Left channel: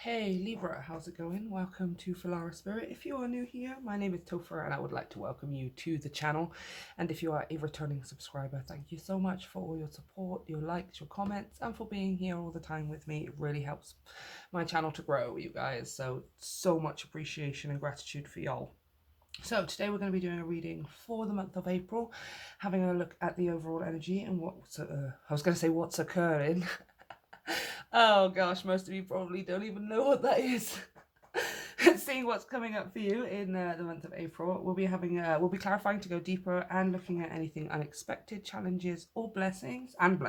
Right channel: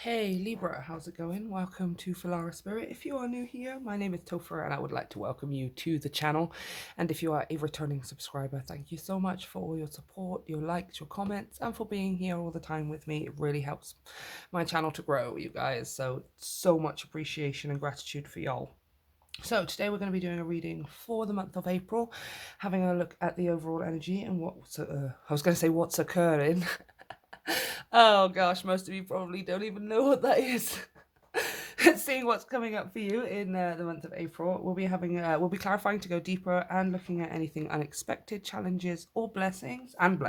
Hey Libra, how's it going? Welcome to Filara Spirit. If you are new here, my name is Topher and I would like to welcome you to the channel. And if you are a returning subscriber, thank you so much for all your support, your likes, your comments, and for being here all the time with me. It really helps my channel to grow, you guys. So much appreciation and gratitude for y'all. So today we're going to be doing a reading for the month of April, having a look at the overall energy and what's occurring. Oh gosh, most of you probably don't even know what that is. Seeing what's coming up for you in the month of April, we'll be clarifying to go deeper and looking at anything unexpected, challenges or blessings, and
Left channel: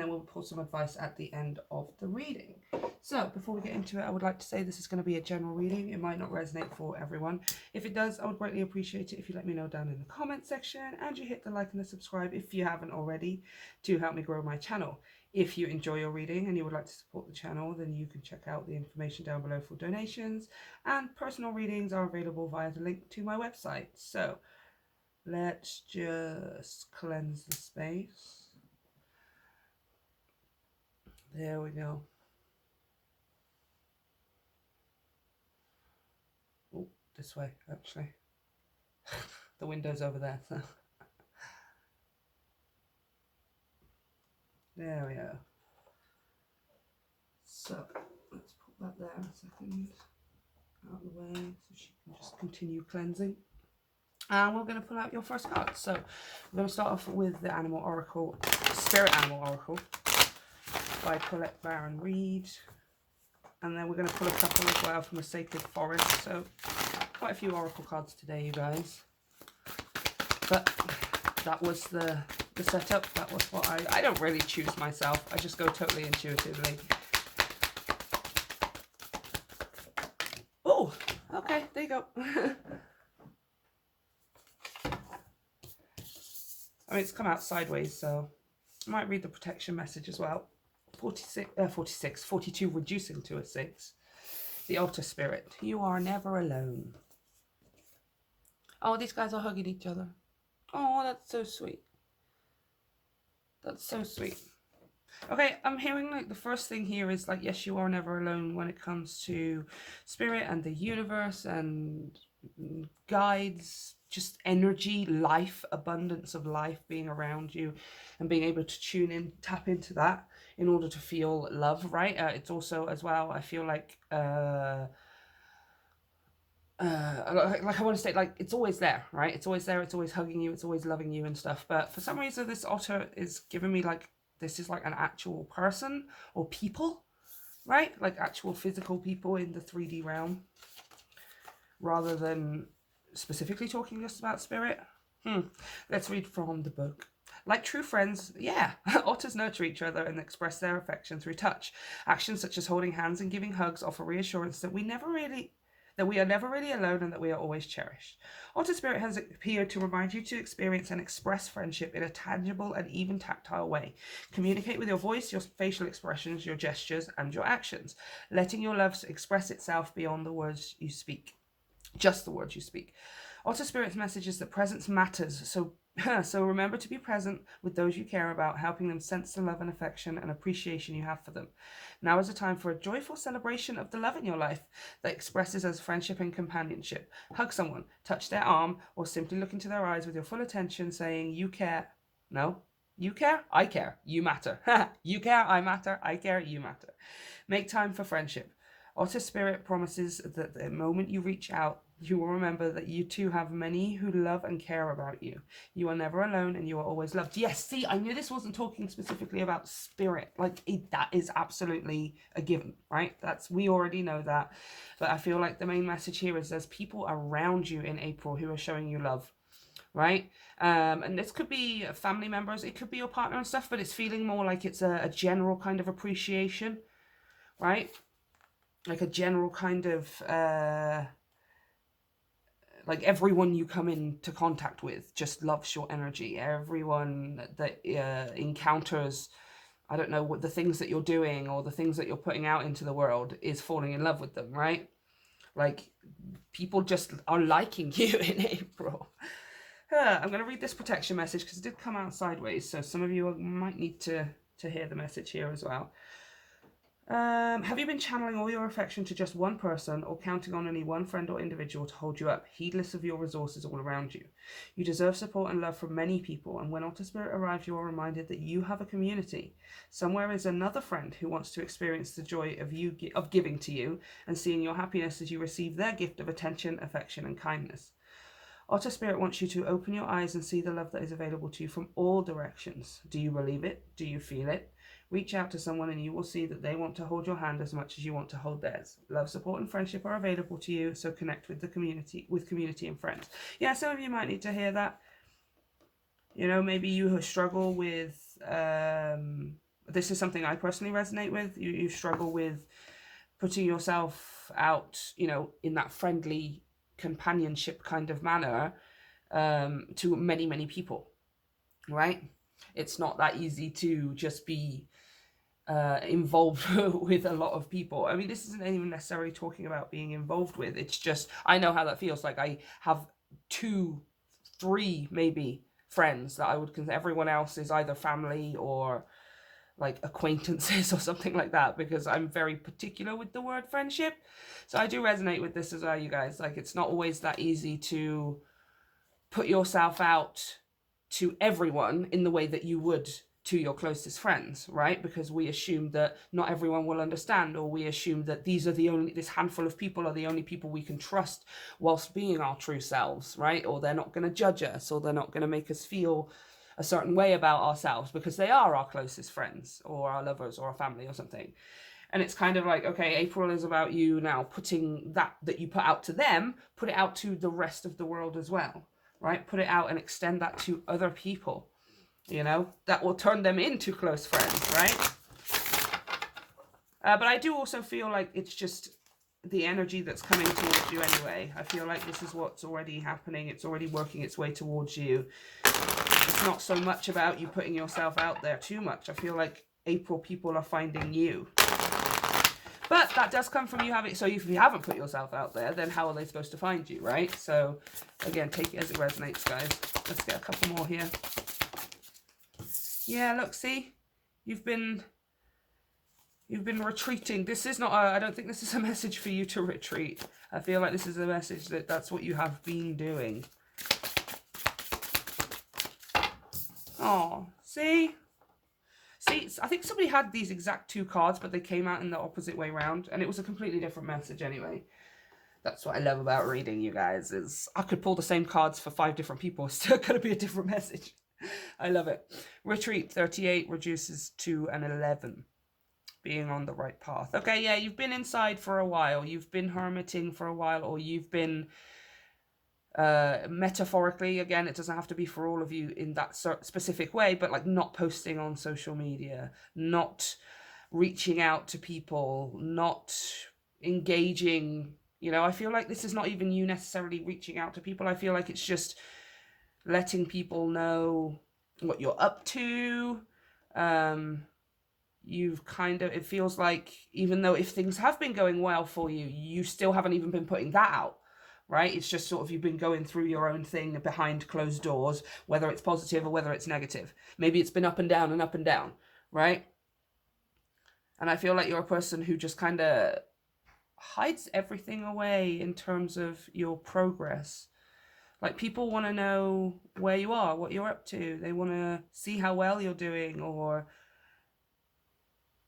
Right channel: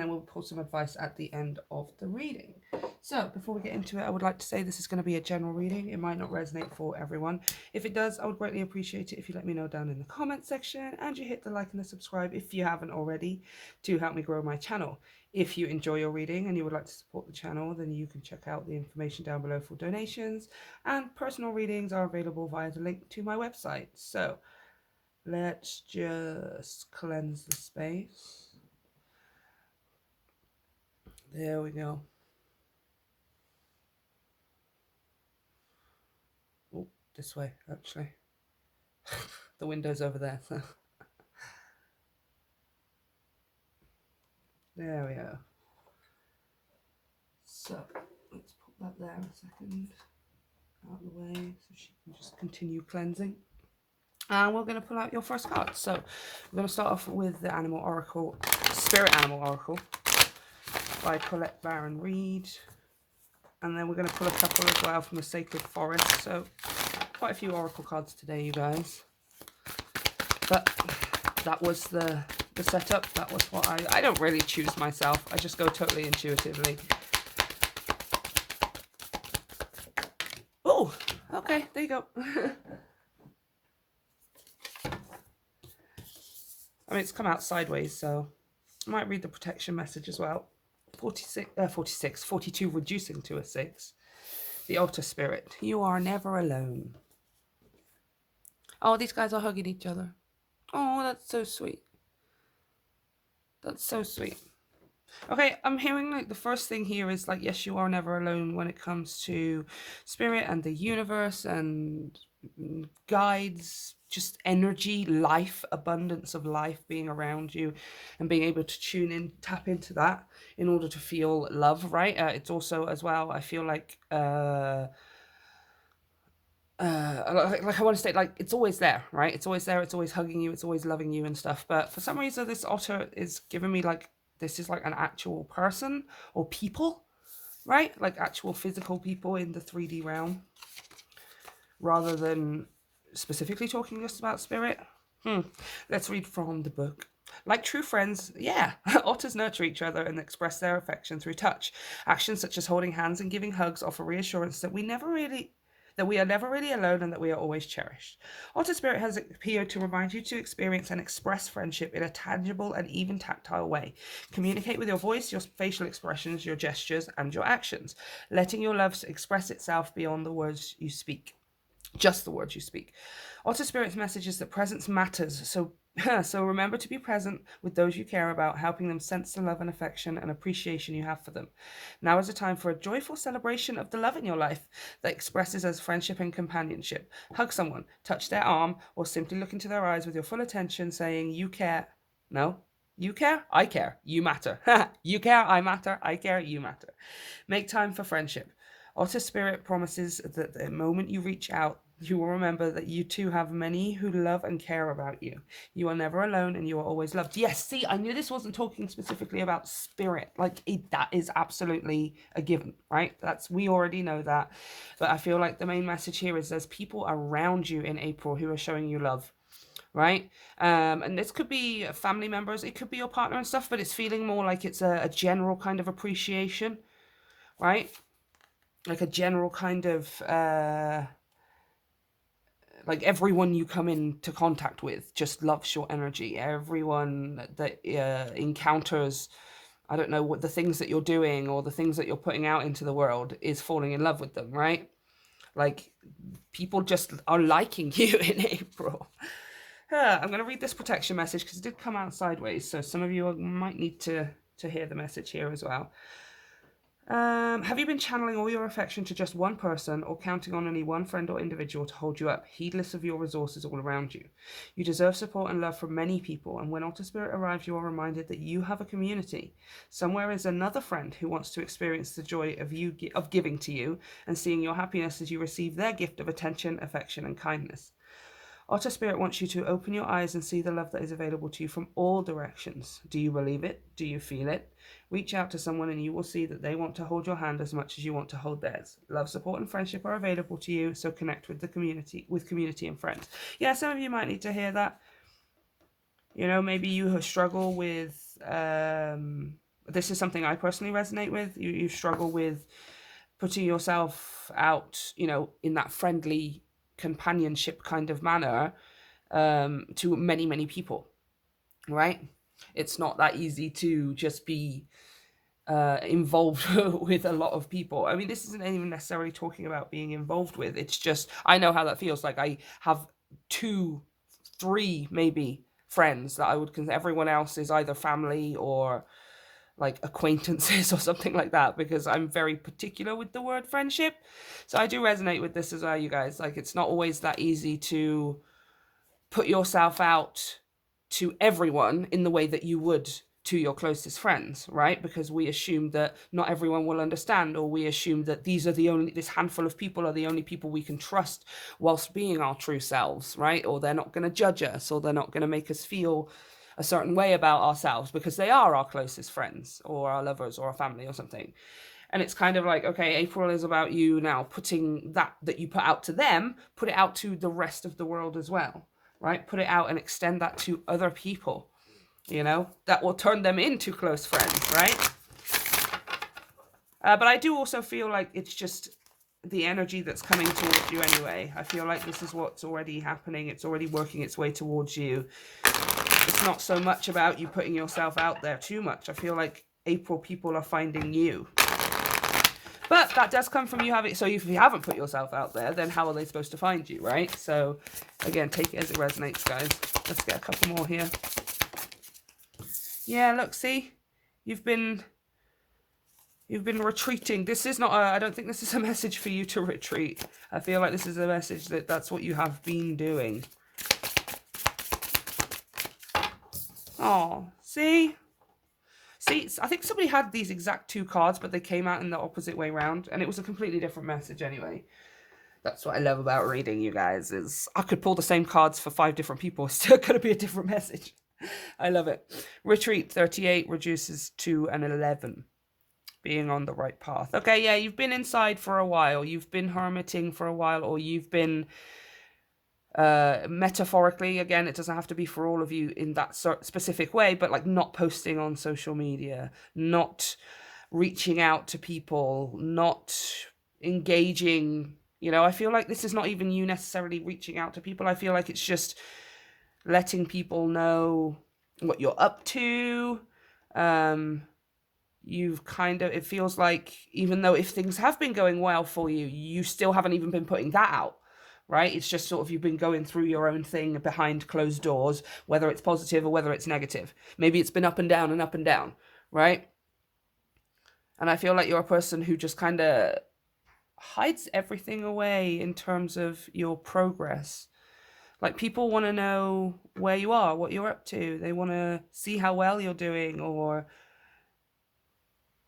then we'll pull some advice at the end of the reading. So before we get into it, I would like to say this is going to be a general reading. It might not resonate for everyone. If it does, I would greatly appreciate it if you let me know down in the comment section, and you hit the like and the subscribe if you haven't already, to help me grow my channel. If you enjoy your reading and you would like to support the channel, then you can check out the information down below for donations, and personal readings are available via the link to my website. So let's just cleanse the space. There we go. Oh, this way, actually. The window's over there. So. There we go. So let's put that there a second, out of the way, so she can just continue cleansing. And we're going to pull out your first card. So we're going to start off with the Animal Oracle, Spirit Animal Oracle by Colette Baron Reed. And then we're going to pull a couple as well from the Sacred Forest. So quite a few Oracle cards today, you guys. But that was the setup. That was what I don't really choose myself. I just go totally intuitively. Oh, okay, there you go. I mean, it's come out sideways, so I might read the protection message as well. 42, reducing to a 6. The Altar Spirit. You are never alone. Oh, these guys are hugging each other. Oh, that's so sweet. That's so sweet. Okay, I'm hearing like the first thing here is like, yes, you are never alone when it comes to spirit and the universe and guides, just energy, life, abundance of life being around you, and being able to tune in, tap into that in order to feel love, right? It's also as well, I feel like I want to say, like, it's always there, right? It's always there, it's always hugging you, it's always loving you and stuff. But for some reason, this otter is giving me like, this is like an actual person or people, right? Like actual physical people in the 3D realm, rather than specifically talking just about spirit. Let's read from the book. Like true friends, yeah, otters nurture each other and express their affection through touch. Actions such as holding hands and giving hugs offer reassurance that we are never really alone and that we are always cherished. Otter Spirit has appeared to remind you to experience and express friendship in a tangible and even tactile way. Communicate with your voice, your facial expressions, your gestures, and your actions, letting your love express itself beyond the words you speak. Just the words you speak. Otter Spirit's message is that presence matters, so remember to be present with those you care about, helping them sense the love and affection and appreciation you have for them. Now is a time for a joyful celebration of the love in your life that expresses as friendship and companionship. Hug someone, touch their arm, or simply look into their eyes with your full attention, saying, you care. No, you care, I care, you matter. You care, I matter, I care, you matter. Make time for friendship. Otter Spirit promises that the moment you reach out, you will remember that you too have many who love and care about you. You are never alone and you are always loved. Yes, see, I knew this wasn't talking specifically about spirit. Like, that is absolutely a given, right? We already know that. But I feel like the main message here is there's people around you in April who are showing you love, right? And this could be family members, it could be your partner and stuff, but it's feeling more like it's a general kind of appreciation, right? Like a general kind of like everyone you come into contact with just loves your energy. Everyone that encounters, I don't know, what the things that you're doing or the things that you're putting out into the world is falling in love with them, right? Like people just are liking you in April. I'm going to read this protection message because it did come out sideways, so some of you might need to hear the message here as well. Have you been channeling all your affection to just one person or counting on only one friend or individual to hold you up, heedless of your resources all around you? You deserve support and love from many people, and when Otter Spirit arrives, you are reminded that you have a community. Somewhere is another friend who wants to experience the joy of giving to you and seeing your happiness as you receive their gift of attention, affection, and kindness. Otter Spirit wants you to open your eyes and see the love that is available to you from all directions. Do you believe it? Do you feel it? Reach out to someone and you will see that they want to hold your hand as much as you want to hold theirs. Love, support, and friendship are available to you, so connect with the community and friends. Yeah, some of you might need to hear that. You know, maybe you struggle with, this is something I personally resonate with. You struggle with putting yourself out, you know, in that friendly companionship kind of manner, to many, many people, right? It's not that easy to just be involved with a lot of people. I mean, this isn't even necessarily talking about being involved with. It's just, I know how that feels. Like I have 2, 3 maybe friends that I would consider. Everyone else is either family or like acquaintances or something like that, because I'm very particular with the word friendship. So I do resonate with this as well, you guys. Like, it's not always that easy to put yourself out to everyone in the way that you would to your closest friends, right? Because we assume that not everyone will understand, or we assume that this handful of people are the only people we can trust whilst being our true selves, right? Or they're not going to judge us, or they're not going to make us feel a certain way about ourselves because they are our closest friends or our lovers or our family or something. And it's kind of like, okay, April is about you now putting that you put out to them, put it out to the rest of the world as well, right? Put it out and extend that to other people, you know, that will turn them into close friends, right? But I do also feel like it's just the energy that's coming towards you anyway. I feel like this is what's already happening. It's already working its way towards you. It's not so much about you putting yourself out there too much. I feel like April people are finding you. But that does come from you having... So if you haven't put yourself out there, then how are they supposed to find you, right? So, again, take it as it resonates, guys. Let's get a couple more here. Yeah, look, see? You've been retreating. This is not I don't think this is a message for you to retreat. I feel like this is a message that that's what you have been doing. Oh, see? See, I think somebody had these exact 2 cards, but they came out in the opposite way round, and it was a completely different message anyway. That's what I love about reading, you guys, is I could pull the same cards for 5 different people. It's still going to be a different message. I love it. Retreat 38 reduces to an 11. Being on the right path. Okay, yeah, you've been inside for a while. You've been hermiting for a while, or you've been... metaphorically, again, it doesn't have to be for all of you in that specific way, but like not posting on social media, not reaching out to people, not engaging. You know, I feel like this is not even you necessarily reaching out to people. I feel like it's just letting people know what you're up to. You've kind of, it feels like, even though if things have been going well for you, you still haven't even been putting that out. Right? It's just sort of you've been going through your own thing behind closed doors, whether it's positive or whether it's negative. Maybe it's been up and down, right? And I feel like you're a person who just kind of hides everything away in terms of your progress. Like, people want to know where you are, what you're up to. They want to see how well you're doing, or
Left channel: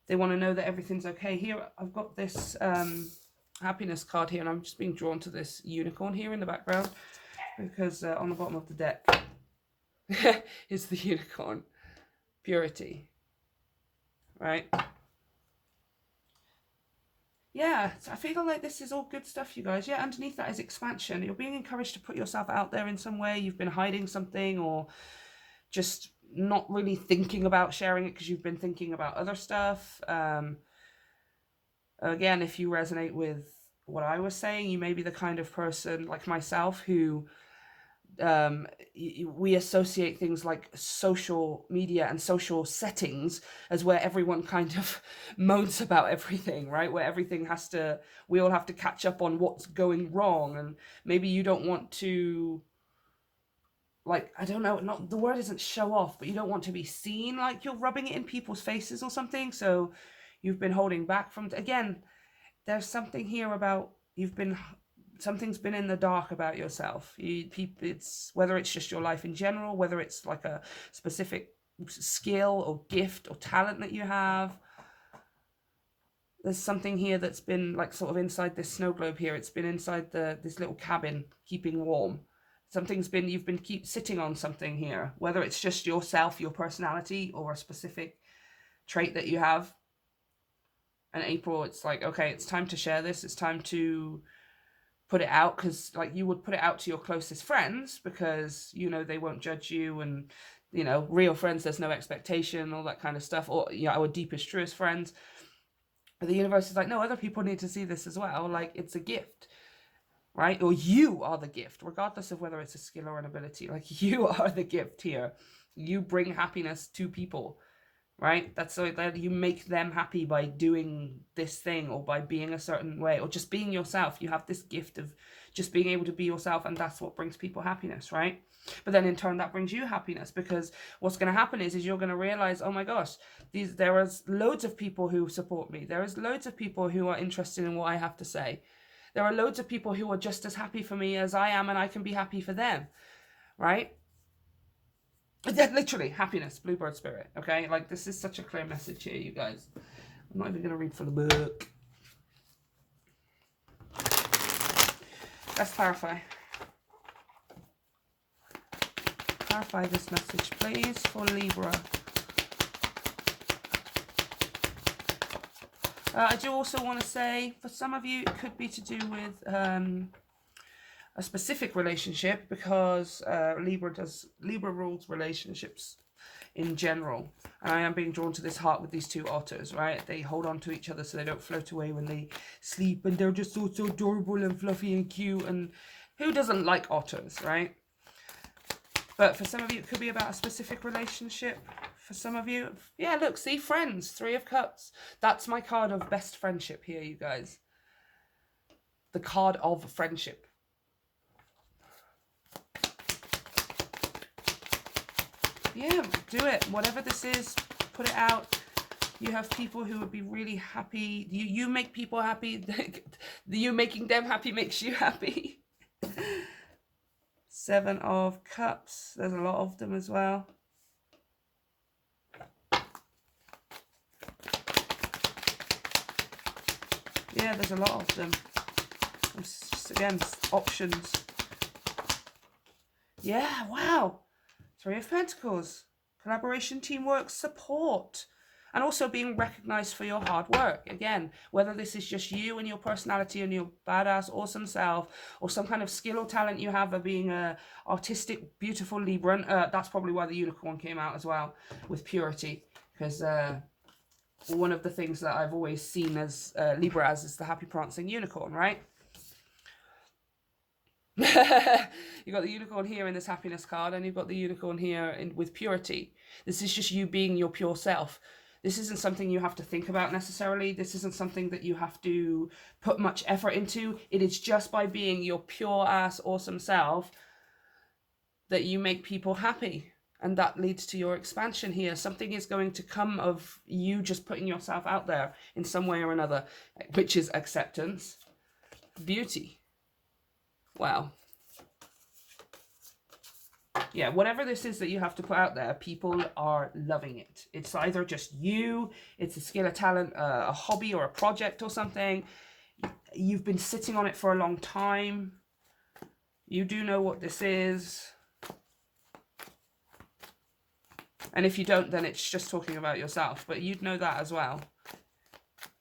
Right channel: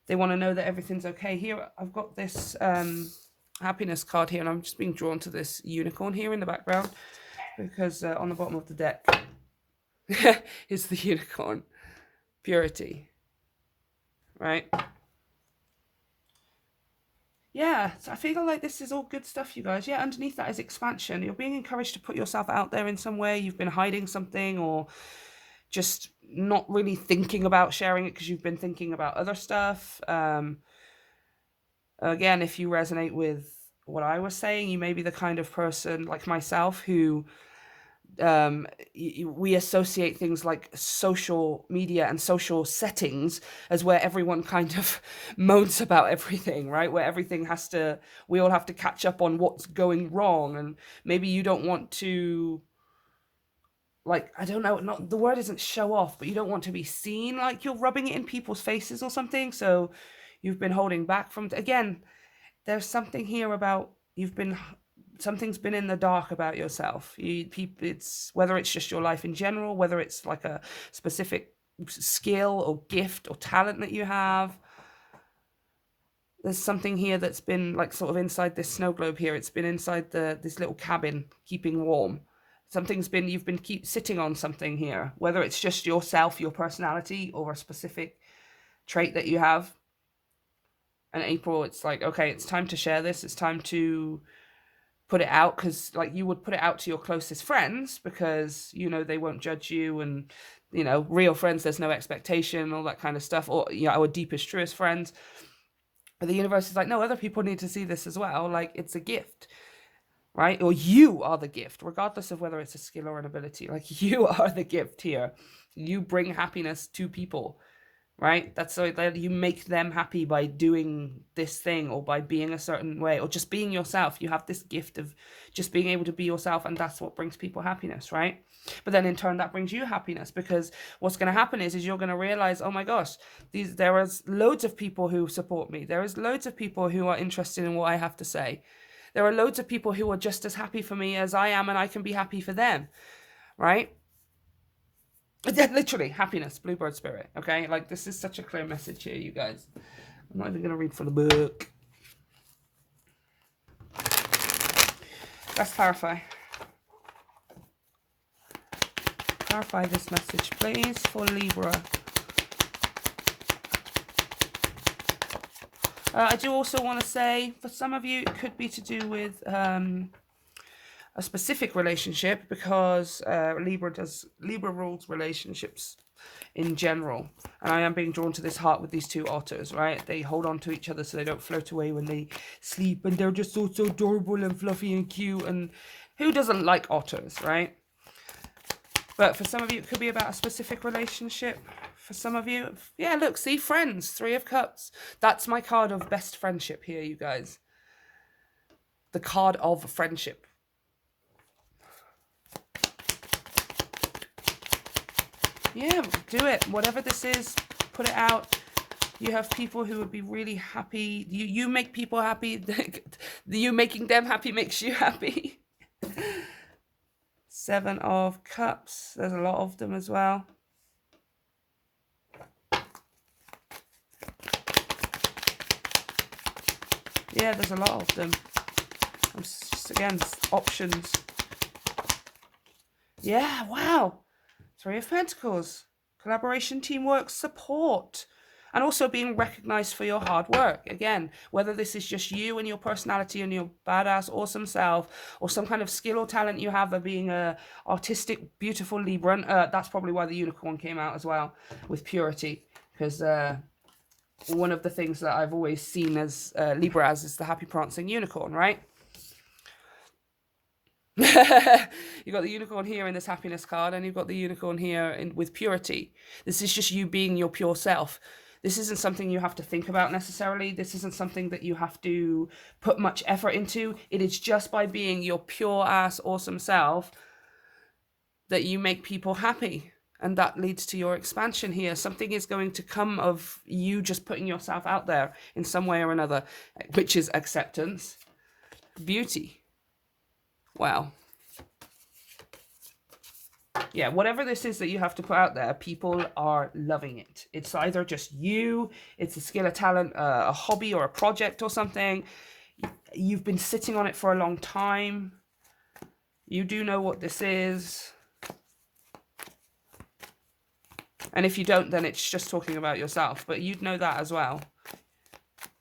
they want to know that everything's okay. Here, I've got this... happiness card here, and I'm just being drawn to this unicorn here in the background because on the bottom of the deck is the unicorn. Purity, right? Yeah, so I feel like this is all good stuff, you guys. Yeah, underneath that is expansion. You're being encouraged to put yourself out there in some way. You've been hiding something, or just not really thinking about sharing it because you've been thinking about other stuff. Again, if you resonate with what I was saying, you may be the kind of person like myself who we associate things like social media and social settings as where everyone kind of moans about everything, right? Where everything we all have to catch up on what's going wrong. And maybe you don't want to, like, I don't know, not the word isn't show off, but you don't want to be seen like you're rubbing it in people's faces or something. So you've been holding back from. Again, there's something here about something's been in the dark about yourself. It's whether it's just your life in general, whether it's like a specific skill or gift or talent that you have. There's something here that's been like sort of inside this snow globe here. It's been inside this little cabin, keeping warm. You've been sitting on something here, whether it's just yourself, your personality, or a specific trait that you have. And April, it's like, okay, it's time to share this. It's time to put it out, because like you would put it out to your closest friends because, they won't judge you, and, real friends, there's no expectation, all that kind of stuff, or, our deepest, truest friends. But the universe is like, no, other people need to see this as well. Like, it's a gift, right? Or you are the gift, regardless of whether it's a skill or an ability. Like, you are the gift here. You bring happiness to people, right? That's so that you make them happy by doing this thing, or by being a certain way, or just being yourself. You have this gift of just being able to be yourself, and that's what brings people happiness, right? But then in turn, that brings you happiness, because what's going to happen is you're going to realize, oh my gosh, there is loads of people who support me. There is loads of people who are interested in what I have to say. There are loads of people who are just as happy for me as I am, and I can be happy for them, right? Literally, happiness, Bluebird Spirit, okay? Like, this is such a clear message here, you guys. I'm not even going to read from the book. Let's clarify. Clarify this message, please, for Libra. I do also want to say, for some of you, it could be to do with a specific relationship, because Libra rules relationships in general, and I am being drawn to this heart with these two otters, right? They hold on to each other so they don't float away when they sleep, and they're just so adorable and fluffy and cute, and who doesn't like otters, right? But for some of you, it could be about a specific relationship. For some of you, yeah, look, see, friends, 3 of Cups. That's my card of best friendship here, you guys. The card of friendship. Yeah, do it. Whatever this is, put it out. You have people who would be really happy. You make people happy. You making them happy makes you happy. 7 of Cups. There's a lot of them as well. Yeah, there's a lot of them. Just, again, options. Yeah, wow. 3 of Pentacles. Collaboration, teamwork, support. And also being recognized for your hard work. Again, whether this is just you and your personality and your badass, awesome self, or some kind of skill or talent you have of being a artistic, beautiful Libra. That's probably why the unicorn came out as well, with purity. Because one of the things that I've always seen as Libra as is the happy prancing unicorn, right? You got the unicorn here in this happiness card, and you've got the unicorn here with purity. This is just you being your pure self. This isn't something you have to think about necessarily. This isn't something that you have to put much effort into. It is just by being your pure ass awesome self that you make people happy. And that leads to your expansion here. Something is going to come of you just putting yourself out there in some way or another, which is acceptance, beauty. Wow. Yeah, whatever this is that you have to put out there, people are loving it. It's either just you, it's a skill, a talent, a hobby, or a project or something. You've been sitting on it for a long time. You do know what this is. And if you don't, then it's just talking about yourself. But you'd know that as well.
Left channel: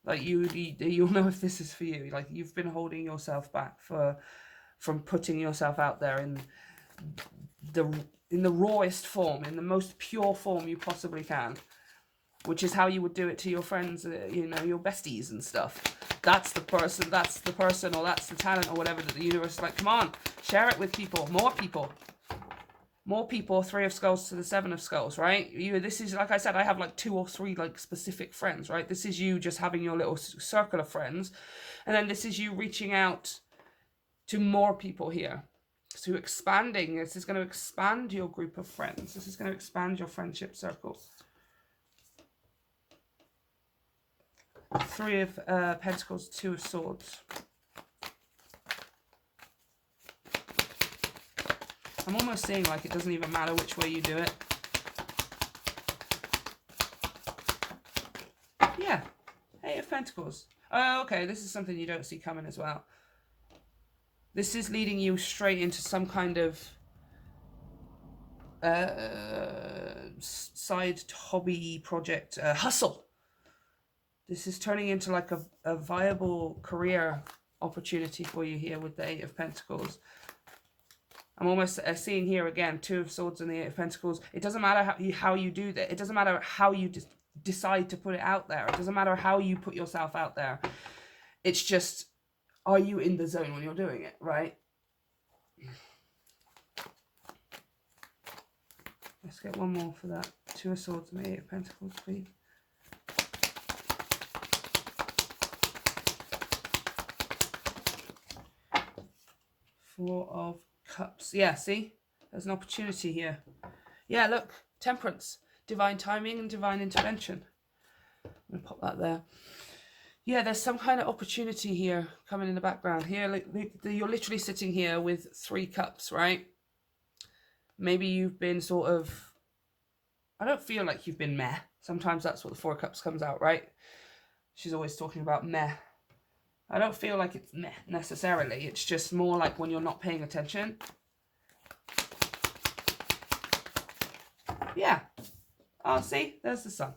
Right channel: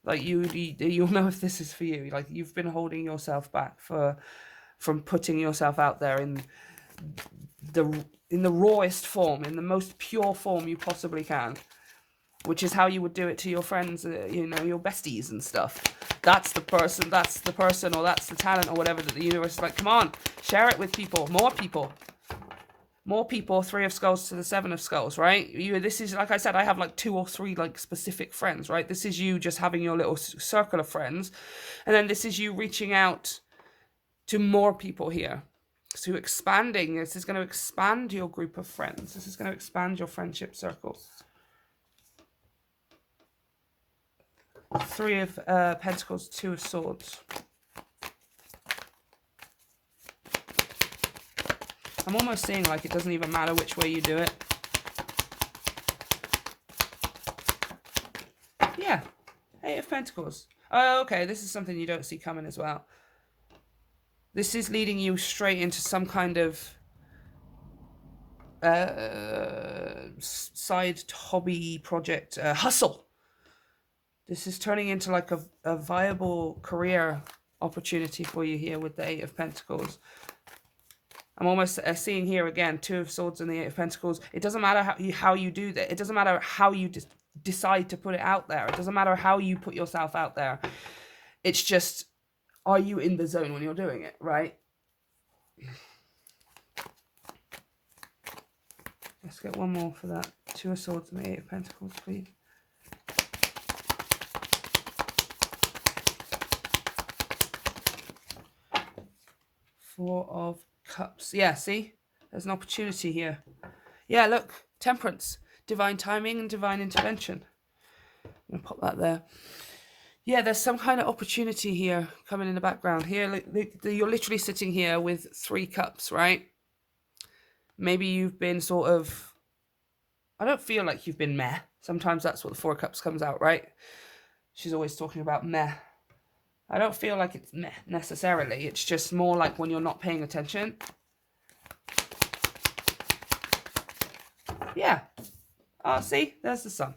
Like, you'll know if this is for you. Like, you've been holding yourself back from putting yourself out there in the rawest form, in the most pure form you possibly can, which is how you would do it to your friends, your besties and stuff. That's the person, or that's the talent, or whatever, that the universe is like, come on, share it with people, more people. 3 of Skulls to the 7 of Skulls, right? This is, like I said, I have like 2 or 3 like specific friends, right? This is you just having your little circle of friends, and then this is you reaching out to more people here. So expanding. This is going to expand your group of friends. This is going to expand your friendship circles. Three of Pentacles, Two of Swords. I'm almost seeing like it doesn't even matter which way you do it. Yeah, Eight of Pentacles. Oh, okay, this is something you don't see coming as well. This is leading you straight into some kind of side hobby project, hustle. This is turning into like a viable career opportunity for you here with the Eight of Pentacles. I'm almost seeing here again, Two of Swords and the Eight of Pentacles. It doesn't matter how you do that. It doesn't matter how you decide to put it out there. It doesn't matter how you put yourself out there. It's just, are you in the zone when you're doing it, right? Let's get one more for that. Two of Swords and the Eight of Pentacles, please. Four of Cups. Yeah, see? There's an opportunity here. Yeah, look. Temperance. Divine timing and divine intervention. I'm going to pop that there. Yeah, there's some kind of opportunity here coming in the background. Here, you're literally sitting here with 3 cups, right? Maybe you've been sort of... I don't feel like you've been meh. Sometimes that's what the 4 cups comes out, right? She's always talking about meh. I don't feel like it's meh necessarily. It's just more like when you're not paying attention. Yeah. Oh, see? There's the Sun.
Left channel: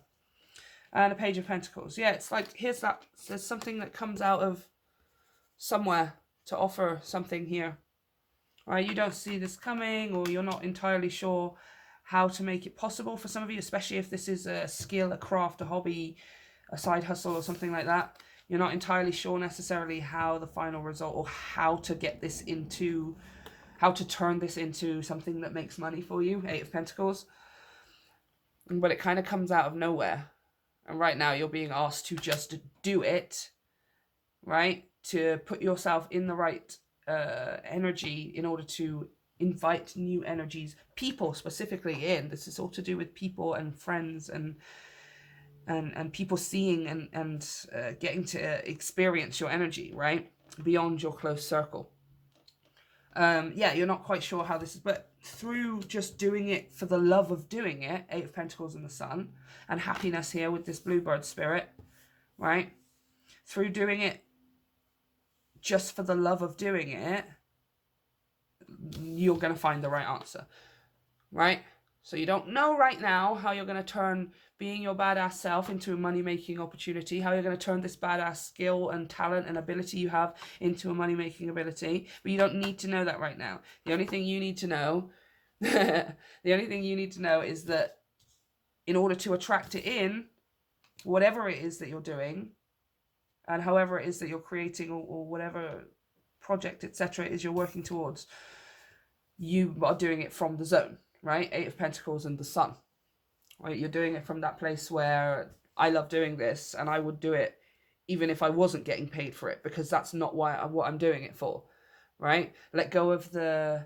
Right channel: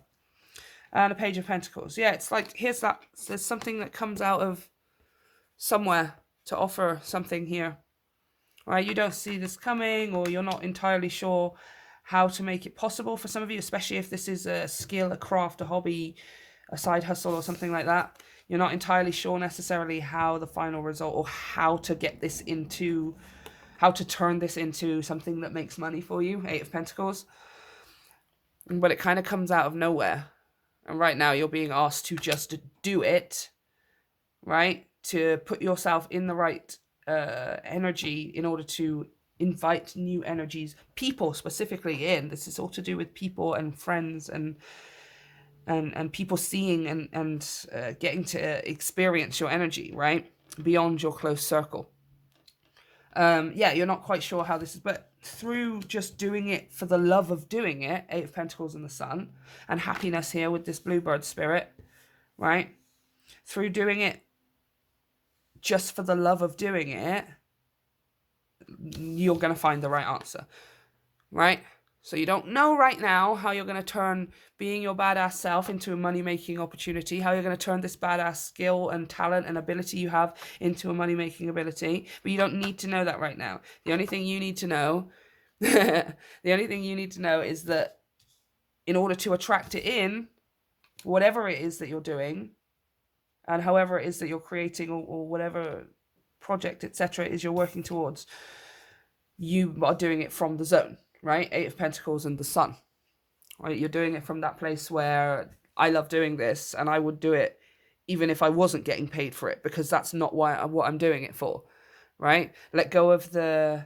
And a Page of Pentacles. Yeah, it's like, here's that. There's something that comes out of somewhere to offer something here. Right? You don't see this coming, or you're not entirely sure how to make it possible for some of you, especially if this is a skill, a craft, a hobby, a side hustle or something like that. You're not entirely sure necessarily how the final result, or how to get this into, how to turn this into something that makes money for you. Eight of Pentacles. But it kind of comes out of nowhere. And right now you're being asked to just do it, right? To put yourself in the right energy in order to invite new energies, people specifically in. This is all to do with people and friends and people seeing and getting to experience your energy, right? Beyond your close circle. Yeah, you're not quite sure how this is, but through just doing it for the love of doing it, Eight of Pentacles and the Sun, and happiness here with this bluebird spirit, right? Through doing it just for the love of doing it, you're going to find the right answer, right? So you don't know right now how you're going to turn being your badass self into a money-making opportunity, how you're going to turn this badass skill and talent and ability you have into a money-making ability, but you don't need to know that right now. The only thing you need to know, the only thing you need to know is that in order to attract it in, whatever it is that you're doing, and however it is that you're creating, or whatever project, etc., is you're working towards, you are doing it from the zone, right? Eight of Pentacles and the Sun, right? You're doing it from that place where I love doing this, and I would do it even if I wasn't getting paid for it, because that's not what I'm doing it for, right? Let go of the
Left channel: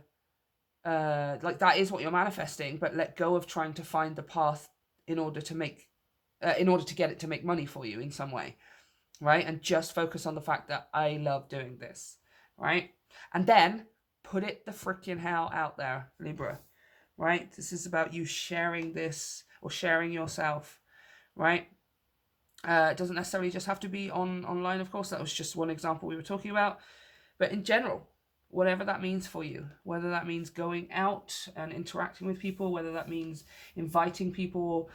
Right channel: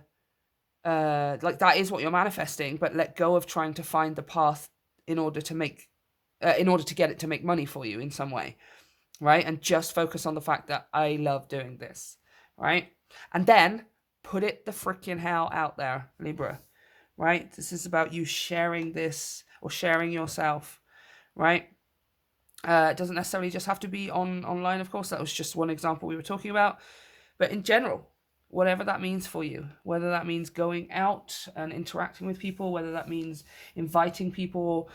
like, that is what you're manifesting, but let go of trying to find the path in order to make in order to get it to make money for you in some way, right? And just focus on the fact that I love doing this, right? And then put it the freaking hell out there, Libra, right? This is about you sharing this, or sharing yourself, right? It doesn't necessarily just have to be online, of course. That was just one example we were talking about. But in general, whatever that means for you, whether that means going out and interacting with people, whether that means inviting people,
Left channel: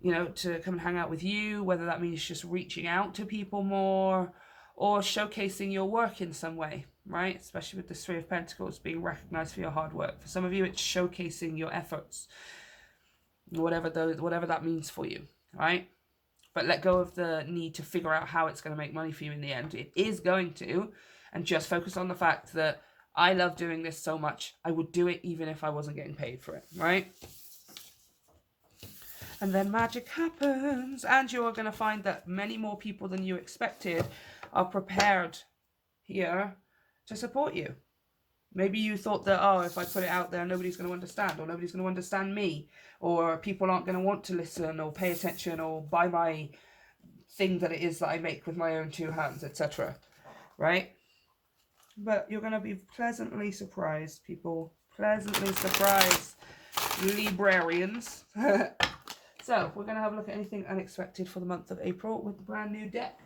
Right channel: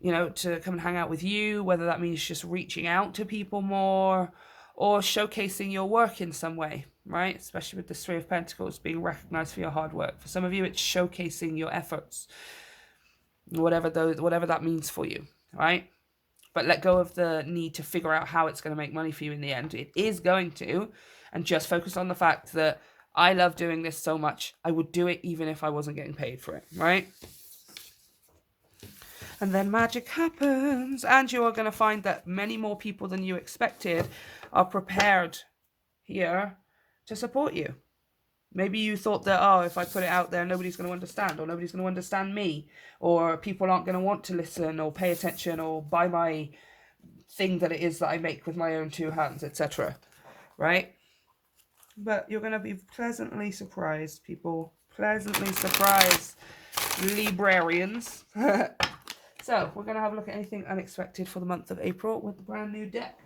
you know, to come and hang out with you, whether that means just reaching out to people more, or showcasing your work in some way, right? Especially with the Three of Pentacles, being recognized for your hard work. For some of you, it's showcasing your efforts, whatever that means for you, right? But let go of the need to figure out how it's going to make money for you in the end. It is going to, and just focus on the fact that I love doing this so much, I would do it even if I wasn't getting paid for it, right? And then magic happens, and you are going to find that many more people than you expected are prepared here to support you. Maybe you thought that, oh, if I put it out there, nobody's going to understand, or nobody's going to understand me, or people aren't going to want to listen or pay attention or buy my thing that it is that I make with my own two hands, etc. Right? But you're going to be pleasantly surprised, people. Pleasantly surprised, Librarians. So, we're going to have a look at anything unexpected for the month of April with the brand new deck.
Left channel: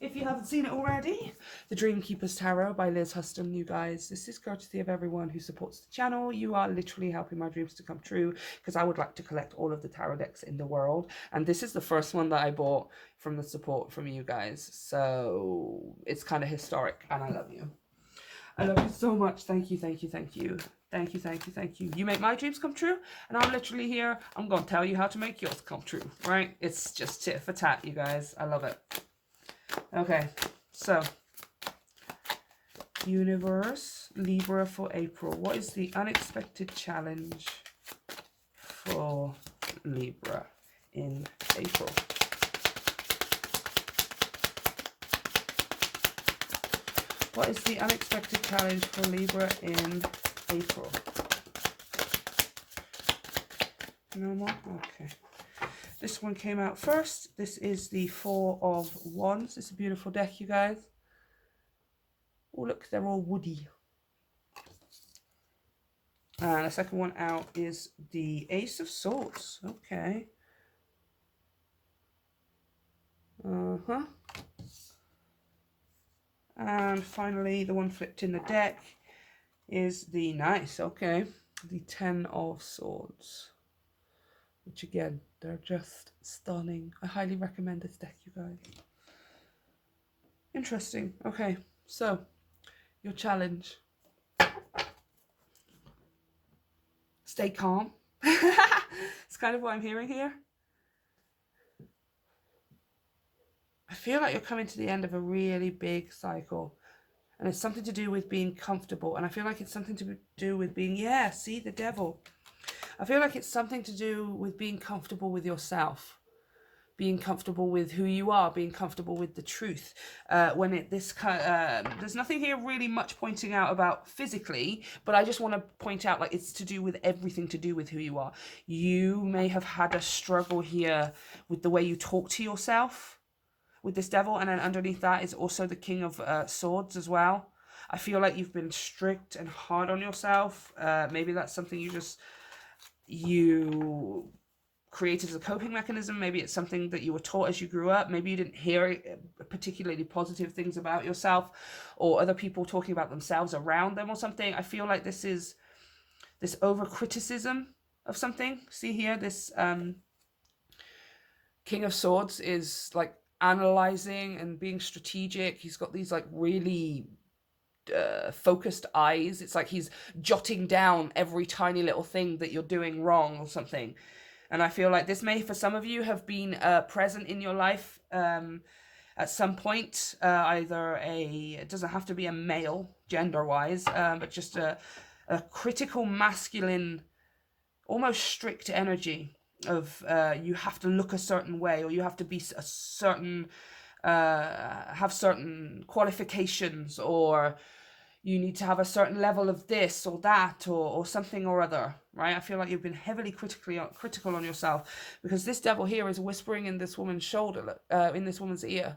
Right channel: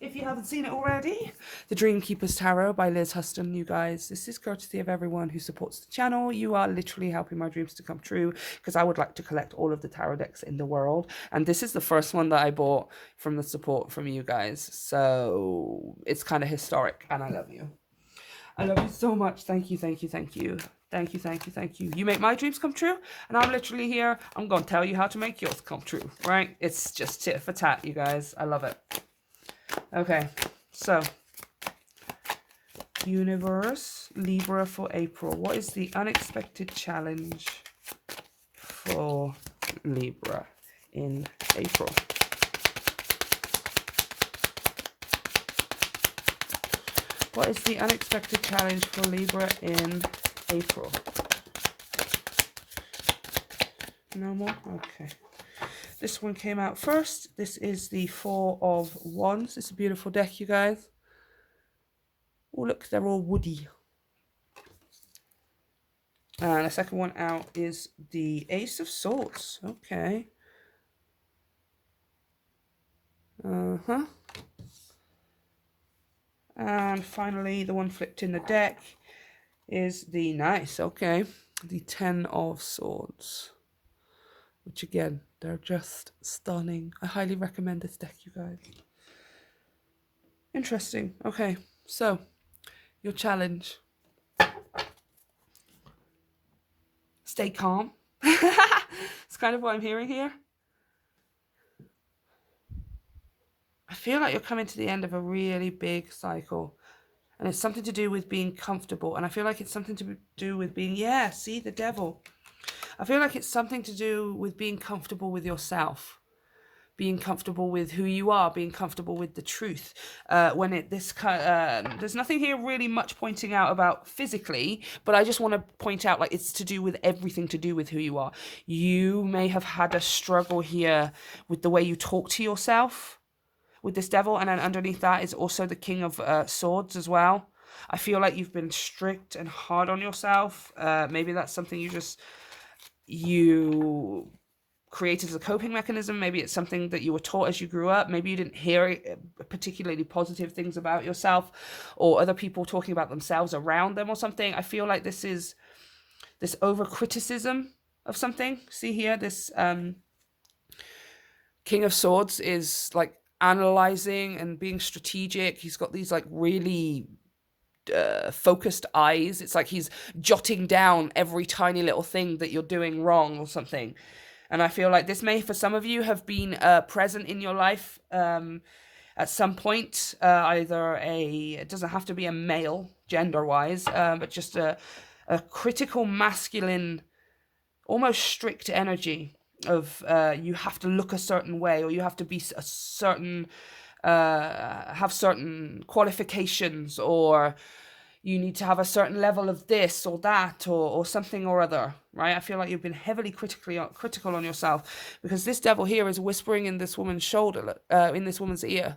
If you haven't seen it already, The Dreamkeeper's Tarot by Liz Huston, you guys. This is courtesy of everyone who supports the channel. You are literally helping my dreams to come true, because I would like to collect all of the tarot decks in the world. And this is the first one that I bought from the support from you guys. So it's kind of historic, and I love you. I love you so much. Thank you, thank you, thank you. Thank you, thank you, thank you. You make my dreams come true, and I'm literally here. I'm going to tell you how to make yours come true, right? It's just tit for tat, you guys. I love it. Okay, so Universe, Libra for April. What is the unexpected challenge for Libra in April? What is the unexpected challenge for Libra in April? No more? Okay. This one came out first. This is the Four of Wands. It's a beautiful deck, you guys. Oh, look, they're all woody. And the second one out is the Ace of Swords. Okay. Uh-huh. And finally, the one flipped in the deck is the nice, okay, the Ten of Swords. Which again, they're just stunning. I highly recommend this deck, you guys. Interesting. Okay, so your challenge. Stay calm. It's kind of what I'm hearing here. I feel like you're coming to the end of a really big cycle. And it's something to do with being comfortable. And I feel like it's something to do with being, yeah, see, the devil. I feel like it's something to do with being comfortable with yourself. Being comfortable with who you are, being comfortable with the truth. There's nothing here really much pointing out about physically, but I just want to point out, like, it's to do with everything to do with who you are. You may have had a struggle here with the way you talk to yourself with this devil, and then underneath that is also the King of Swords as well. I feel like you've been strict and hard on yourself. Maybe that's something you created as a coping mechanism. Maybe it's something that you were taught as you grew up. Maybe you didn't hear particularly positive things about yourself, or other people talking about themselves around them or something. I feel like this is this over criticism of something. See here, this King of Swords is like analyzing and being strategic. He's got these like really focused eyes. It's like he's jotting down every tiny little thing that you're doing wrong or something. And I feel like this may, for some of you, have been present in your life at some point. It doesn't have to be a male, gender-wise, but just a critical masculine, almost strict energy of you have to look a certain way, or you have to be a certain, have certain qualifications, or you need to have a certain level of this or that, or something or other, right? I feel like you've been heavily critical on yourself, because this devil here is whispering in this woman's shoulder, in this woman's ear.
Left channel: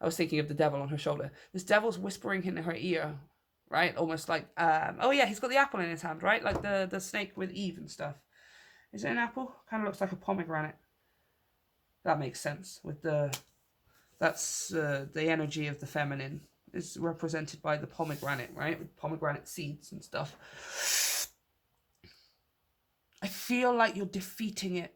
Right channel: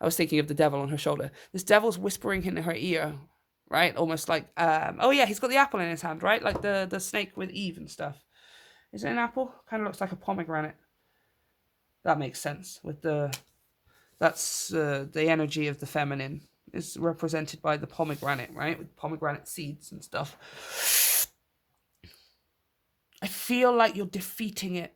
I was thinking of the devil on her shoulder. This devil's whispering in her ear, right? Almost like, oh yeah, he's got the apple in his hand, right? Like the snake with Eve and stuff. Is it an apple? Kind of looks like a pomegranate. That makes sense. That's the energy of the feminine is represented by the pomegranate, right? With pomegranate seeds and stuff. I feel like you're defeating it.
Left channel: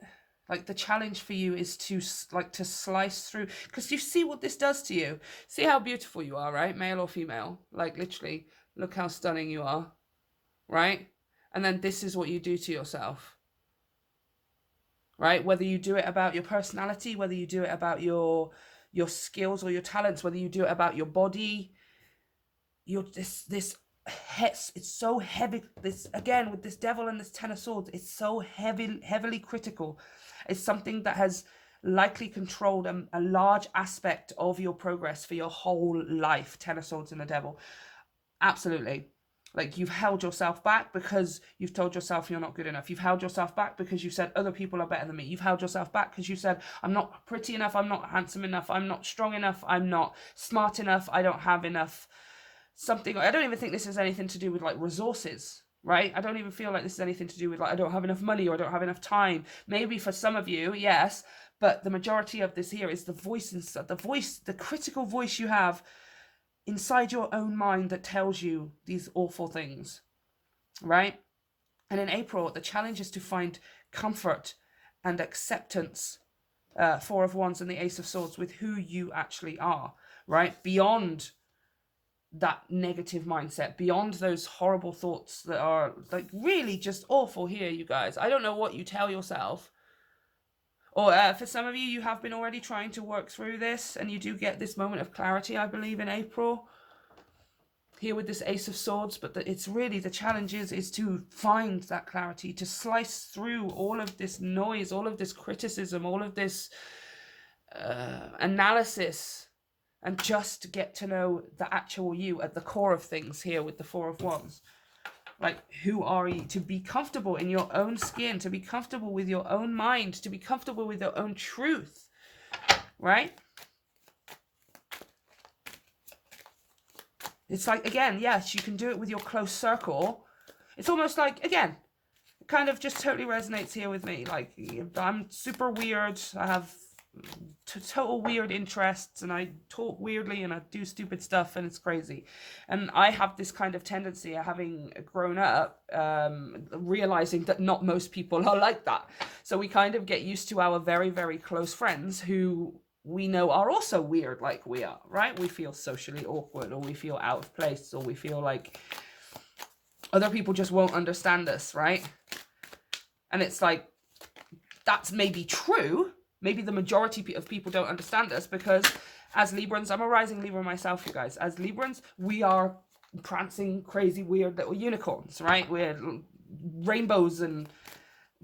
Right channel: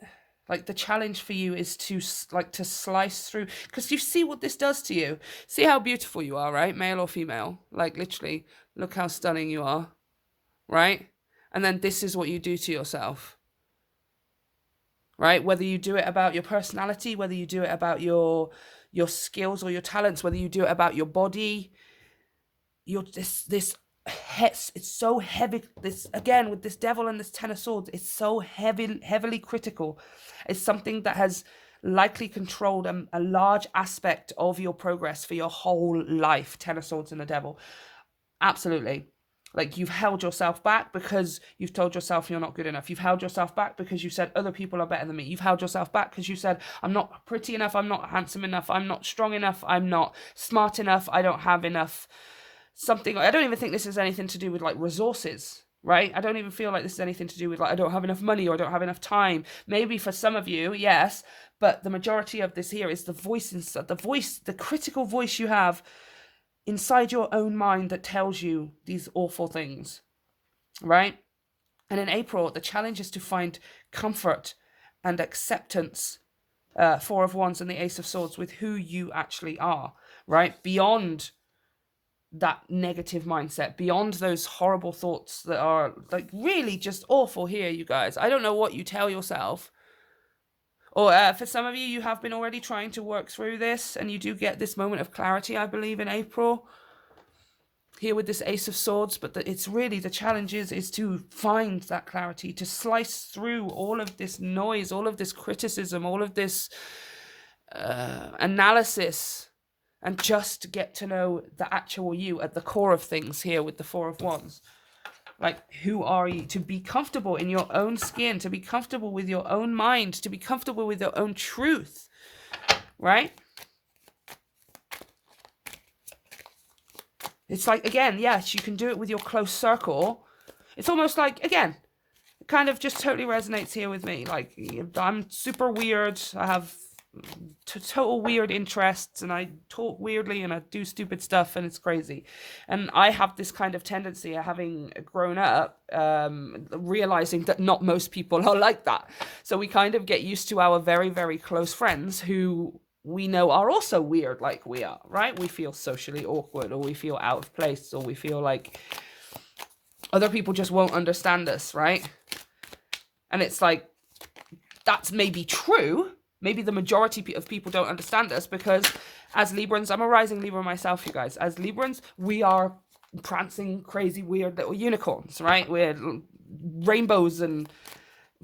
Like the challenge for you is to slice through, because you see what this does to you. See how beautiful you are, right? Male or female. Like literally, look how stunning you are, right? And then this is what you do to yourself, right? Whether you do it about your personality, whether you do it about your skills or your talents, whether you do it about your body, it's so heavy. This again with this devil and this Ten of Swords, it's so heavily critical. It's something that has likely controlled a large aspect of your progress for your whole life. Ten of Swords and the devil, absolutely. Like, you've held yourself back because you've told yourself you're not good enough. You've held yourself back because you said other people are better than me. You've held yourself back because you said, I'm not pretty enough, I'm not handsome enough, I'm not strong enough, I'm not smart enough, I don't have enough something. I don't even think this has anything to do with like resources, right? I don't even feel like this is anything to do with like, I don't have enough money or I don't have enough time. Maybe for some of you, yes, but the majority of this here is the voice inside, the critical voice you have inside your own mind that tells you these awful things, right? And in April, the challenge is to find comfort and acceptance, Four of Wands and the Ace of Swords, with who you actually are, right? Beyond that negative mindset, beyond those horrible thoughts that are like really just awful here, you guys. I don't know what you tell yourself. Or for some of you, you have been already trying to work through this and you do get this moment of clarity, I believe, in April here with this Ace of Swords. But it's really, the challenge is to find that clarity, to slice through all of this noise, all of this criticism, all of this analysis, and just get to know the actual you at the core of things here with the Four of Wands. Like, who are you? To be comfortable in your own skin, to be comfortable with your own mind, to be comfortable with your own truth, right? It's like, again, yes, you can do it with your close circle. It's almost like, again, it kind of just totally resonates here with me. Like, I'm super weird. I have total weird interests and I talk weirdly and I do stupid stuff and it's crazy. And I have this kind of tendency, having grown up, realizing that not most people are like that. So we kind of get used to our very, very close friends who we know are also weird like we are, right? We feel socially awkward, or we feel out of place, or we feel like other people just won't understand us, right? And it's like, that's maybe true. Maybe the majority of people don't understand us because as Librans, I'm a rising Libra myself, you guys. As Librans, we are prancing, crazy, weird little unicorns, right? We're rainbows and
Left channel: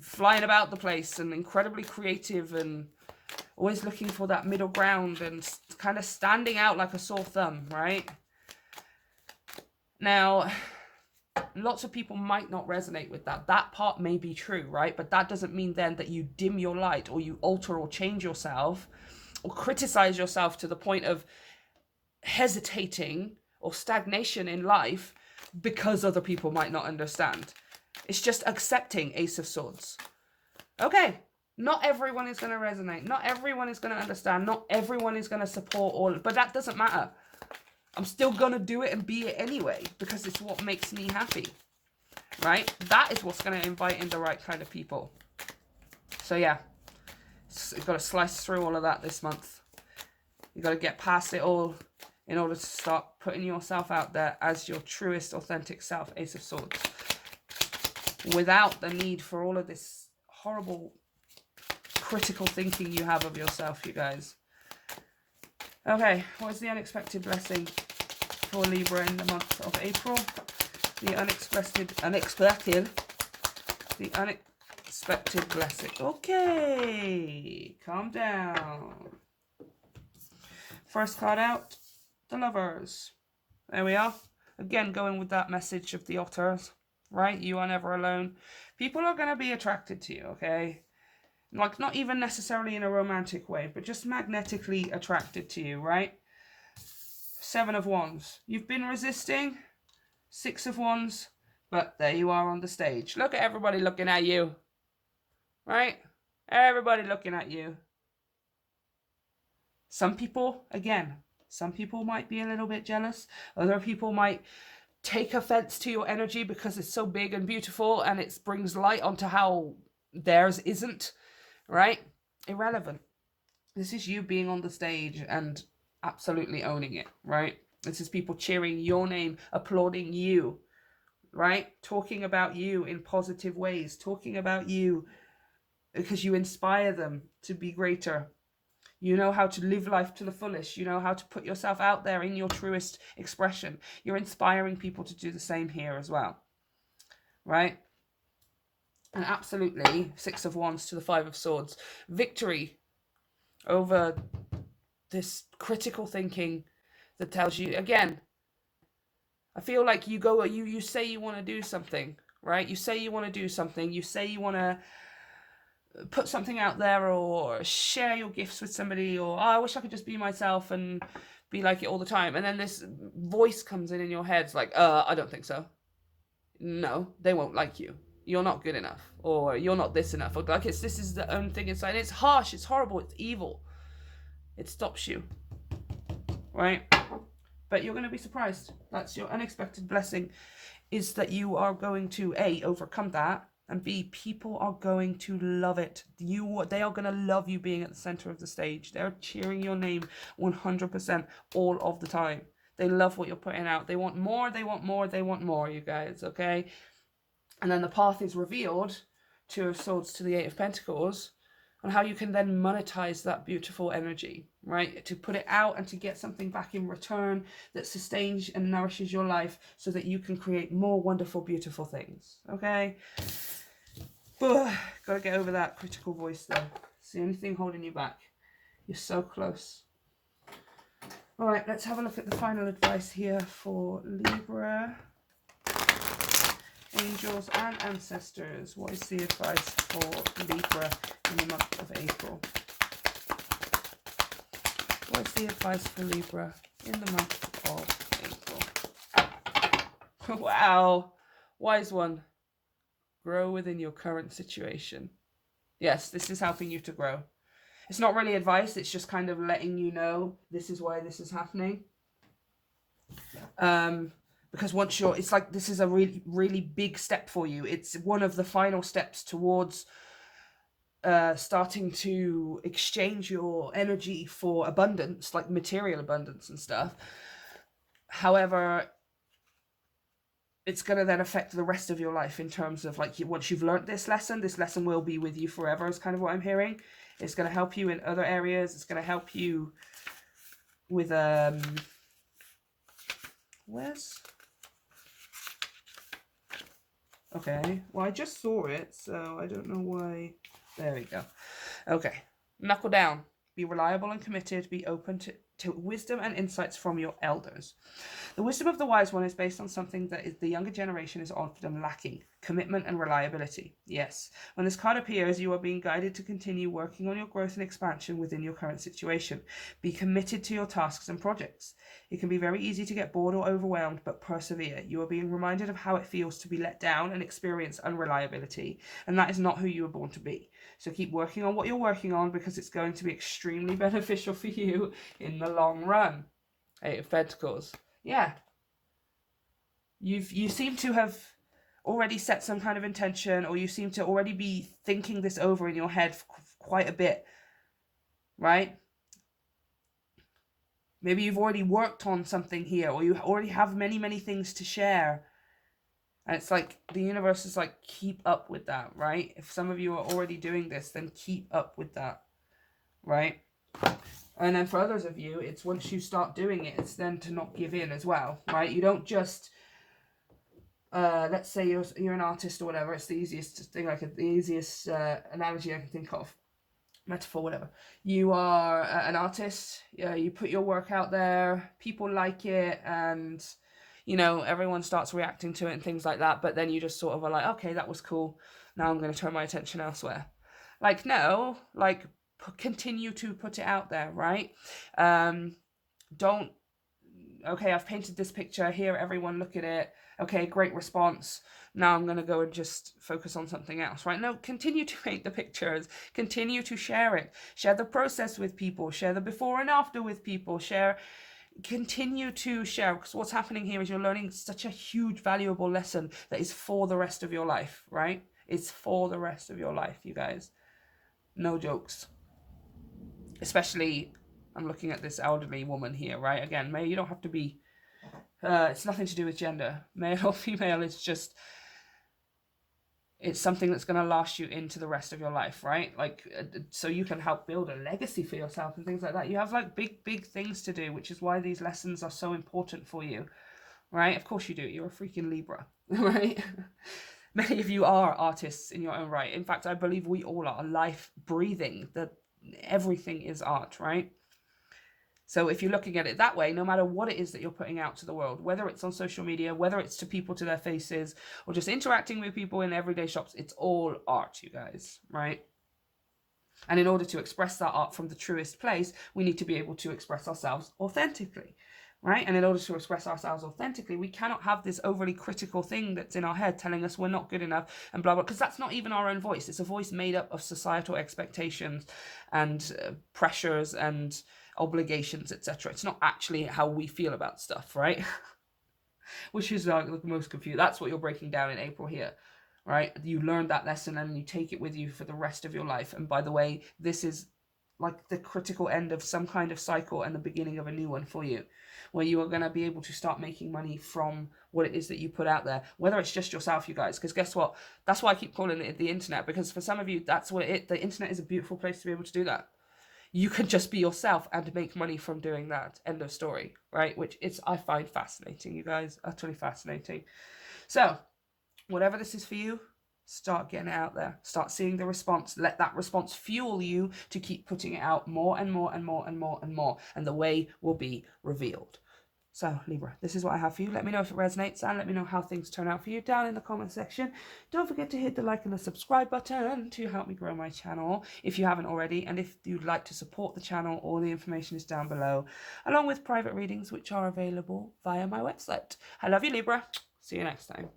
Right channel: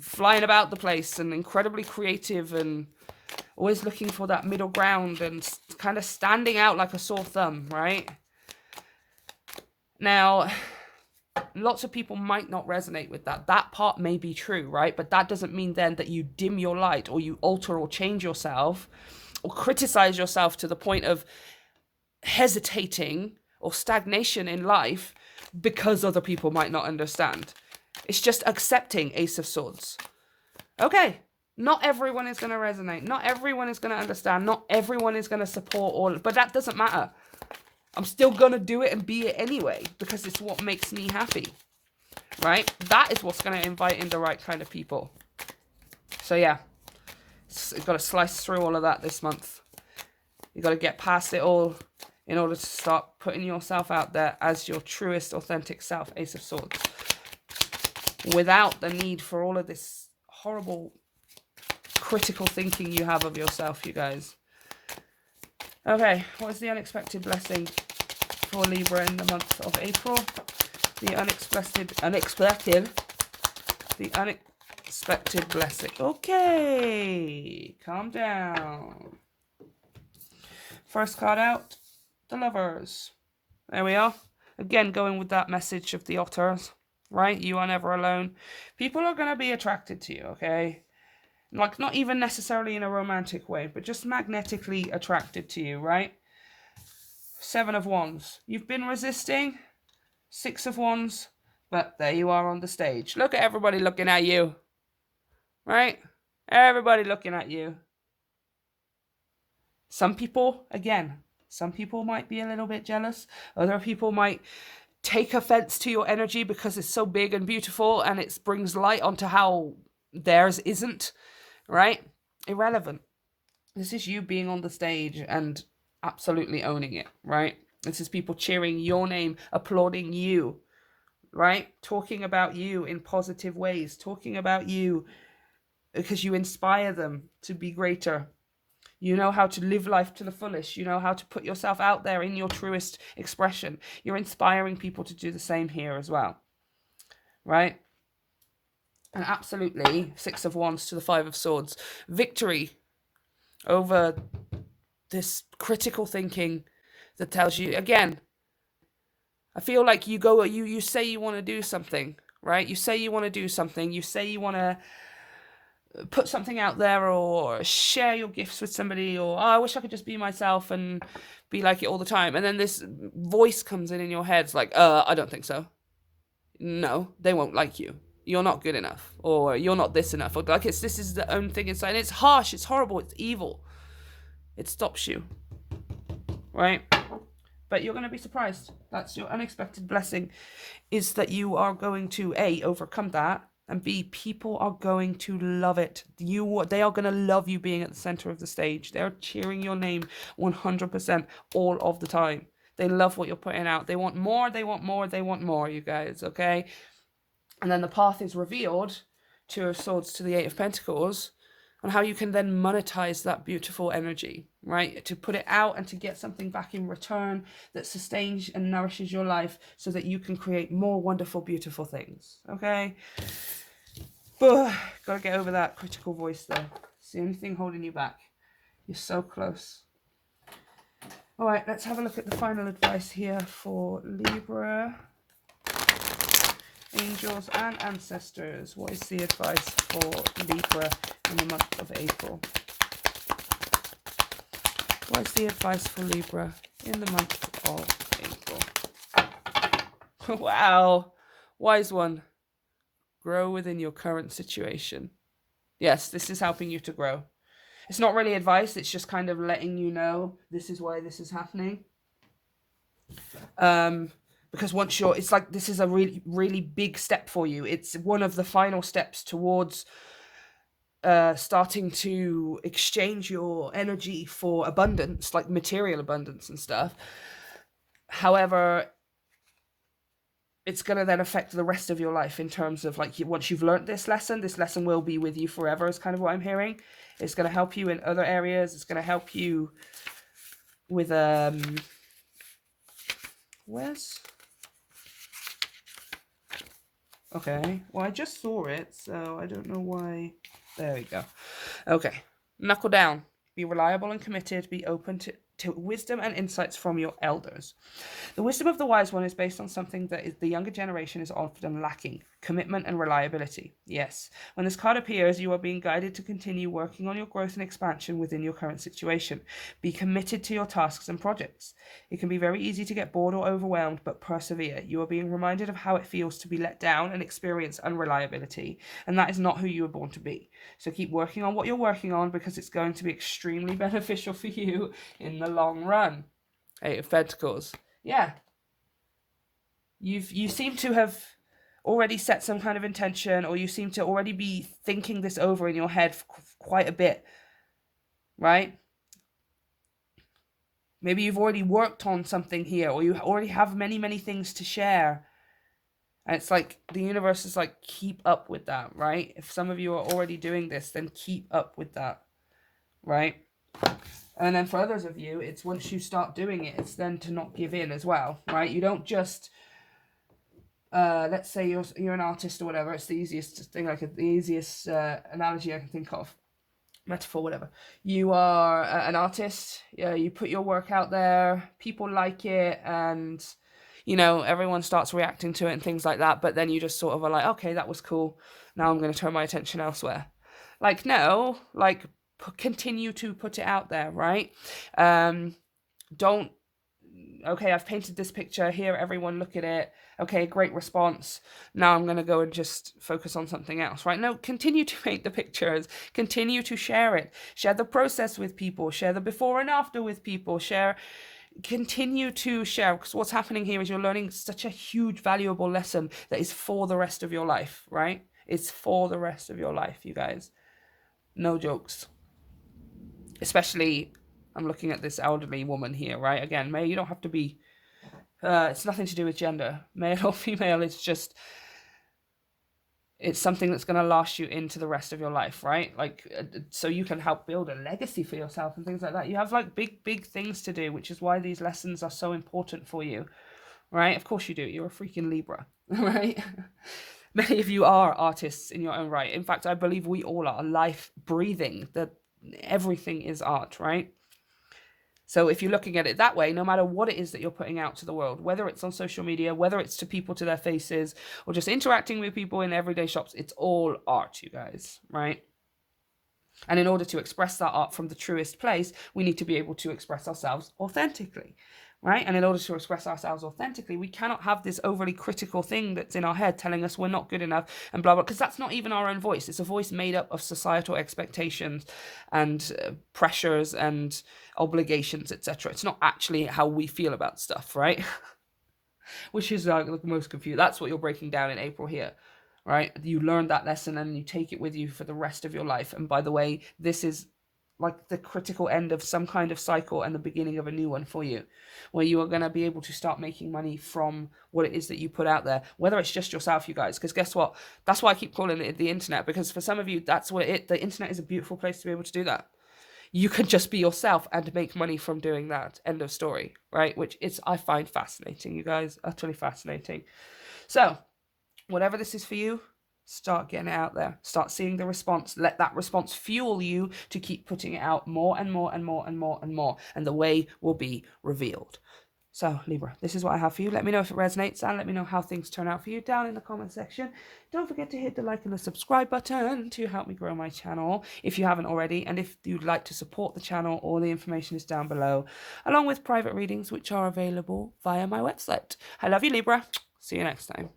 flying about the place and incredibly creative and always looking for that middle ground and kind of standing out like a sore thumb, right? Now, lots of people might not resonate with that. That part may be true, right? But that doesn't mean then that you dim your light or you alter or change yourself or criticize yourself to the point of hesitating or stagnation in life because other people might not understand. It's just accepting, Ace of Swords. Okay, not everyone is going to resonate. Not everyone is going to understand. Not everyone is going to support all, but that doesn't matter. I'm still going to do it and be it anyway because it's what makes me happy, right? That is what's going to invite in the right kind of people. So yeah, you've got to slice through all of that this month. You've got to get past it all in order to start putting yourself out there as your truest, authentic self, Ace of Swords. Without the need for all of this horrible, critical thinking you have of yourself, you guys. Okay, what is the unexpected blessing for Libra in the month of April? The unexpected blessing. Okay, calm down. First card out, the Lovers. There we are. Again, going with that message of the Otters, right? You are never alone. People are going to be attracted to you, okay? Like, not even necessarily in a romantic way, but just magnetically attracted to you, right? Seven of Wands. You've been resisting. Six of Wands. But there you are on the stage. Look at everybody looking at you. Right? Everybody looking at you. Some people, again, some people might be a little bit jealous. Other people might take offense to your energy because it's so big and beautiful and it brings light onto how theirs isn't. Right? Irrelevant. This is you being on the stage and absolutely owning it, right? This is people cheering your name, applauding you, right? Talking about you in positive ways, talking about you because you inspire them to be greater. You know how to live life to the fullest. You know how to put yourself out there in your truest expression. You're inspiring people to do the same here as well, right? And absolutely, Six of Wands to the Five of Swords. Victory over this critical thinking that tells you, again, I feel like you say you want to do something, right? You say you want to do something. You say you want to put something out there or share your gifts with somebody, or oh, I wish I could just be myself and be like it all the time. And then this voice comes in your head, it's like, I don't think so. No, they won't like you. You're not good enough, or you're not this enough, or like this is the own thing inside. And it's harsh, it's horrible, it's evil. It stops you, right? But you're going to be surprised. That's your unexpected blessing, is that you are going to A, overcome that, and B, people are going to love it. They are going to love you being at the center of the stage. They're cheering your name 100% all of the time. They love what you're putting out. They want more, they want more, they want more, you guys, okay? And then the path is revealed, Two of Swords to the Eight of Pentacles, on how you can then monetize that beautiful energy, right? To put it out and to get something back in return that sustains and nourishes your life so that you can create more wonderful, beautiful things, okay? But gotta get over that critical voice though. It's the only thing holding you back. You're so close. All right, let's have a look at the final advice here for Libra. Angels and ancestors, what is the advice for Libra in the month of April? What is the advice for Libra in the month of April? Wow, wise one. Grow within your current situation. Yes, this is helping you to grow. It's not really advice, it's just kind of letting you know this is why this is happening. Because once you're, it's like this is a really, really big step for you. It's one of the final steps towards starting to exchange your energy for abundance, like material abundance and stuff. However, it's going to then affect the rest of your life in terms of like once you've learned this lesson will be with you forever is kind of what I'm hearing. It's going to help you in other areas. It's going to help you with where's okay, well I just saw it, so I don't know why. There we go. Okay, knuckle down, be reliable and committed, be open to wisdom and insights from your elders. The wisdom of the wise one is based on something that the younger generation is often lacking: commitment and reliability. Yes, when this card appears, you are being guided to continue working on your growth and expansion within your current situation. Be committed to your tasks and projects. It can be very easy to get bored or overwhelmed, but persevere. You are being reminded of how it feels to be let down and experience unreliability, and that is not who you were born to be. So keep working on what you're working on, because it's going to be extremely beneficial for you in the long run. Eight of Pentacles. Yeah. You seem to have already set some kind of intention, or you seem to already be thinking this over in your head quite a bit, right? Maybe you've already worked on something here, or you already have many, many things to share. And it's like the universe is like, keep up with that, right? If some of you are already doing this, then keep up with that, right? And then for others of you, it's once you start doing it, it's then to not give in as well, right? You don't just, let's say you're an artist or whatever. It's the easiest thing, like the easiest analogy I can think of, metaphor, whatever. You are an artist. You put your work out there. People like it, and you know everyone starts reacting to it and things like that. But then you just sort of are like, okay, that was cool. Now I'm going to turn my attention elsewhere. Like no, like continue to put it out there, right? Don't, okay, I've painted this picture here, everyone look at it, okay, great response, now I'm going to go and just focus on something else, right? No, continue to paint the pictures, continue to share it, share the process with people, share the before and after with people, continue to share, because what's happening here is you're learning such a huge valuable lesson that is for the rest of your life, right? It's for the rest of your life, you guys. No jokes. Especially, I'm looking at this elderly woman here, right? Again, you don't have to be, it's nothing to do with gender, male or female. It's just, it's something that's going to last you into the rest of your life, right? Like, so you can help build a legacy for yourself and things like that. You have like big things to do, which is why these lessons are so important for you, right? Of course you do. You're a freaking Libra, right? Many of you are artists in your own right. In fact, I believe we all are life breathing, that everything is art, right? So if you're looking at it that way, no matter what it is that you're putting out to the world, whether it's on social media, whether it's to people to their faces, or just interacting with people in everyday shops, it's all art, you guys, right? And in order to express that art from the truest place, we need to be able to express ourselves authentically, right? And in order to express ourselves authentically, we cannot have this overly critical thing that's in our head telling us we're not good enough and blah, blah, because that's not even our own voice. It's a voice made up of societal expectations and pressures and obligations, etc. It's not actually how we feel about stuff, right? Which is the most confused. That's what you're breaking down in April here, right? You learned that lesson and you take it with you for the rest of your life. And by the way, this is like the critical end of some kind of cycle and the beginning of a new one for you, where you are going to be able to start making money from what it is that you put out there, whether it's just yourself, you guys, because guess what? That's why I keep calling it the internet, because for some of you, that's what the internet is a beautiful place to be able to do that. You can just be yourself and make money from doing that. End of story, right? Which I find fascinating, you guys, utterly fascinating. So whatever this is for you, start getting it out there. Start seeing the response. Let that response fuel you to keep putting it out more and more and more and more and more. And the way will be revealed. So, Libra, this is what I have for you. Let me know if it resonates and let me know how things turn out for you down in the comment section. Don't forget to hit the like and the subscribe button to help me grow my channel if you haven't already. And if you'd like to support the channel, all the information is down below, along with private readings, which are available via my website. I love you, Libra. See you next time.